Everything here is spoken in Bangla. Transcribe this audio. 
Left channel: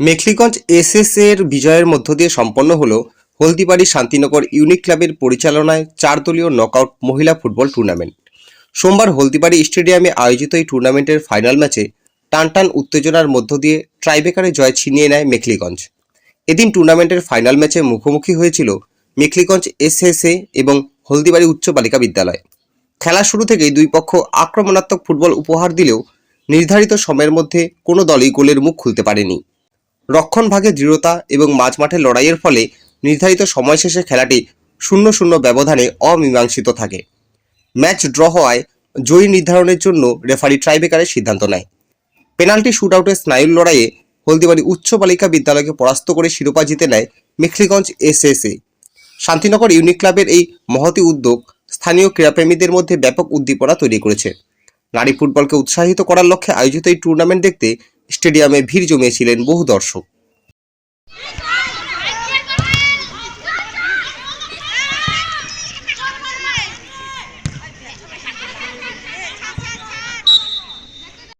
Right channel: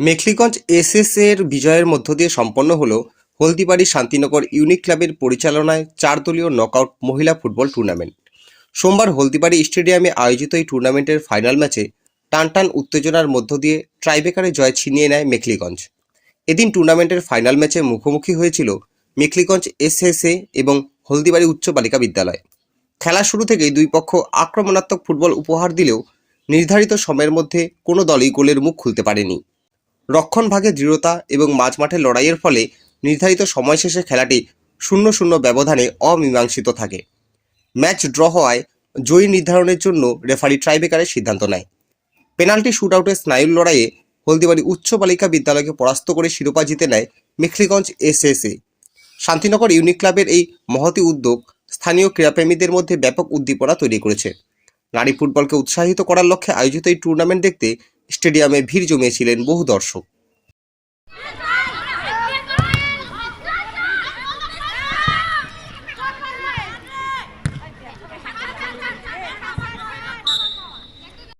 মেখলিগঞ্জ এসএস এর বিজয়ের মধ্য দিয়ে সম্পন্ন হল হলদিবাড়ি শান্তিনগর ইউনিক ক্লাবের পরিচালনায় 4 দলীয় নকআউট মহিলা ফুটবল টুর্নামেন্ট। সোমবার হলদিবাড়ি স্টেডিয়ামে আয়োজিত এই টুর্নামেন্টের ফাইনাল ম্যাচে টানটান উত্তেজনার মধ্য দিয়ে ট্রাইবেকারে জয় ছিনিয়ে নেয় মেখলিগঞ্জ। এদিন টুর্নামেন্টের ফাইনাল ম্যাচে মুখোমুখি হয়েছিল মেখলিগঞ্জ এসএসএ এবং হলদিবাড়ি উচ্চ বালিকা বিদ্যালয়। খেলা শুরু থেকেই দুই পক্ষ আক্রমণাত্মক ফুটবল উপহার দিলেও নির্ধারিত সময়ের মধ্যে কোনো দলই গোলের মুখ খুলতে পারেনি। রক্ষণভাগে দৃঢ়তা এবং মাঝমাঠে লড়াইয়ের ফলে নির্ধারিত সময় শেষে খেলাটি 0-0 ব্যবধানে অমীমাংসিত থাকে। ম্যাচ ড্র হওয়ায় জয়ী নির্ধারণের জন্য রেফারি ট্রাইবেকারের সিদ্ধান্ত নেয়। পেনাল্টি শুটআউটের স্নায়ুর লড়াইয়ে হলদিবাড়ি উচ্চ বালিকা বিদ্যালয়কে পরাস্ত করে শিরোপা জিতে নেয় মেখলিগঞ্জ এসএসএ। শান্তিনগর ইউনিক ক্লাবের এই মহতী উদ্যোগ স্থানীয় ক্রীড়াপ্রেমীদের মধ্যে ব্যাপক উদ্দীপনা তৈরি করেছে। নারী ফুটবলকে উৎসাহিত করার লক্ষ্যে আয়োজিত এই টুর্নামেন্ট দেখতে স্টেডিয়ামে ভিড় জমিয়েছিলেন বহু দর্শক।